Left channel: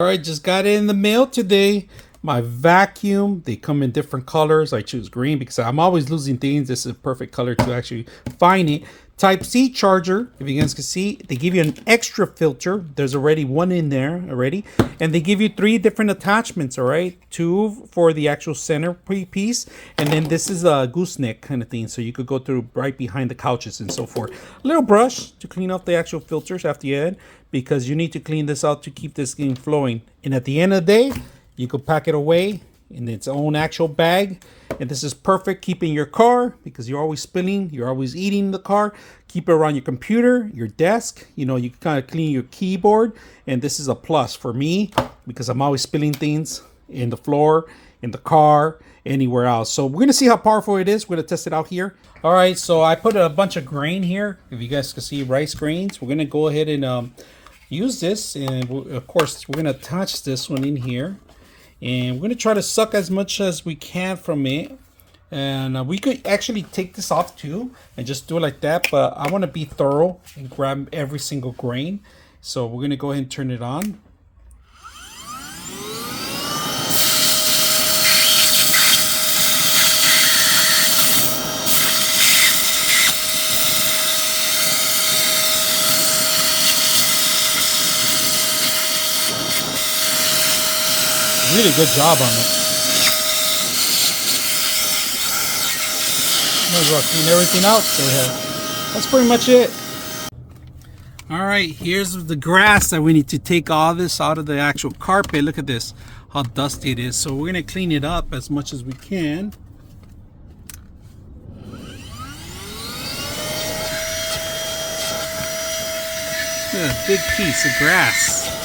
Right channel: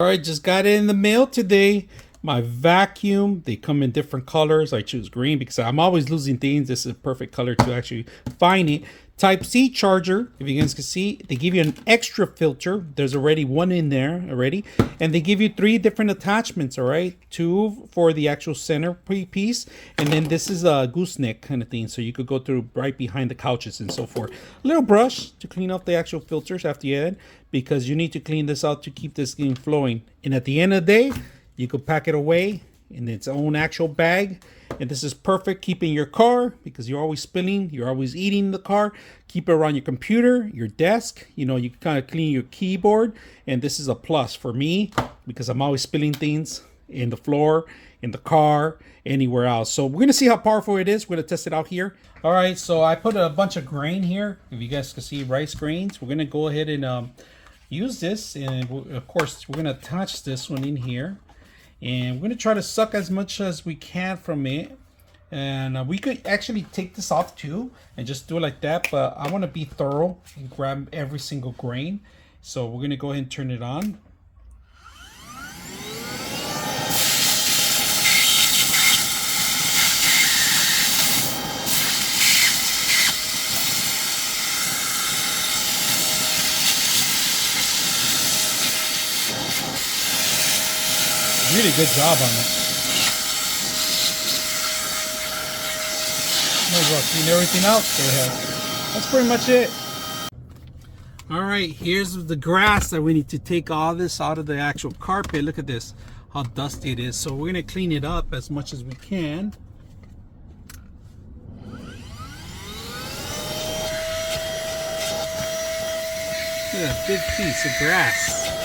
All right, just got it in the mail today. My vacuum, they come in different colors. I choose green because I'm always losing things. This is a perfect color to actually find it. Type C charger, if you guys can see, they give you an extra filter. There's already one in there already. And they give you 3 different attachments, all right? 2 for the actual center piece. And then this is a gooseneck kind of thing. So you could go through right behind the couches and so forth. A little brush to clean off the actual filters after you add, because you need to clean this out to keep this thing flowing. And at the end of the day, you could pack it away in its own actual bag. And this is perfect keeping your car, because you're always spilling, you're always eating in the car. Keep it around your computer, your desk. You know, you can kind of clean your keyboard. And this is a plus for me because I'm always spilling things in the floor, in the car, anywhere else. So we're going to see how powerful it is. We're going to test it out here. All right, so I put a bunch of grain here. If you guys can see, rice grains. We're going to go ahead and use this. And of course, we're going to attach this one in here. And we're going to try to suck as much as we can from it. And we could actually take this off too and just do it like that. But I want to be thorough and grab every single grain. So we're going to go ahead and turn it on. Really good job on it. Might as well clean everything out. That's pretty much it. All right, here's the grass that we need to take all this out of the actual carpet. Look at this, how dusty it is. So we're gonna clean it up as much as we can. Look at a big piece of grass.